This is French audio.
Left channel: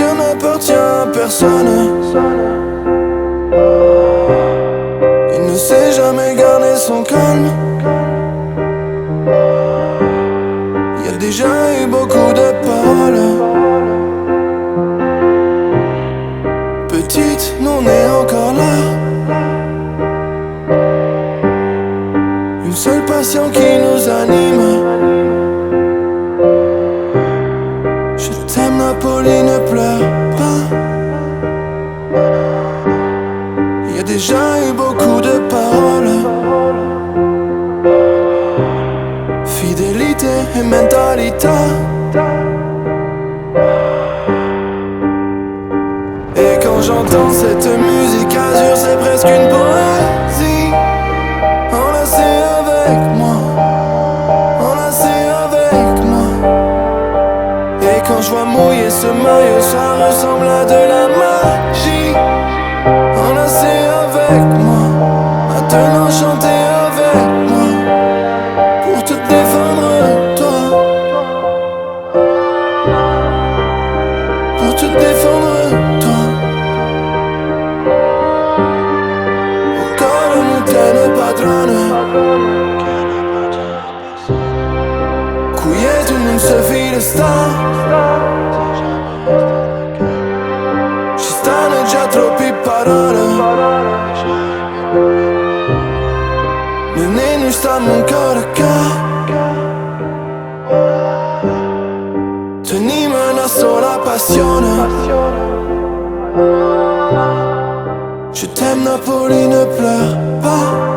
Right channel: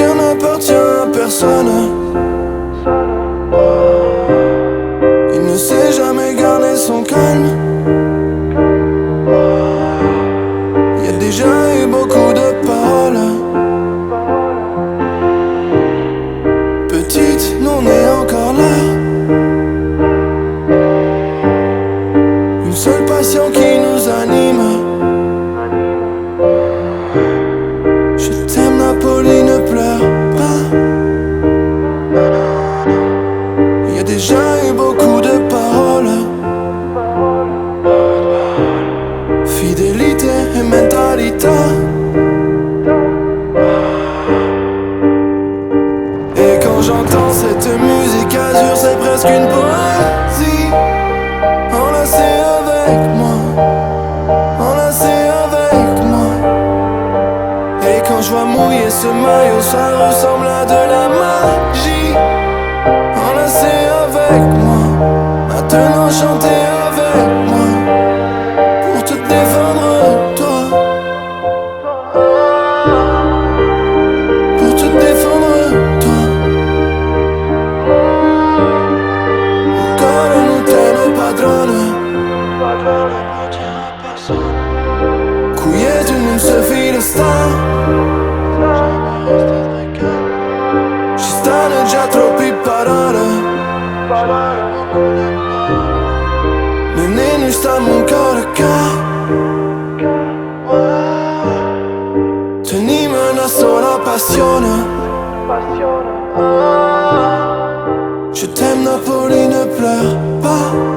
cœur n'appartient à personne. Il ne sait jamais garder son calme. Il y a déjà eu beaucoup de paroles. Petite, nous on est encore là. Une seule passion qui nous anime. Je t'aime Napoli, ne pleure pas. Il y a déjà eu beaucoup de paroles. Fidélité et mentalité. Et quand j'entends cette musique azur, c'est presque une poésie. Enlacé avec moi, enlacé avec moi. Et quand je vois mouiller ce maillot, ça ressemble à de la magie. Enlacé avec moi, maintenant chantez avec moi. Pour te défendre, toi. Pour te défendre, toi. Au corps nous tienne padrone. Qui è tu non sei filo sta. Ci stanno già troppi parole. Noi non stiamo ancora qua. Teniamo una sola passione. Je t'aime Napoli, ne pleure pas.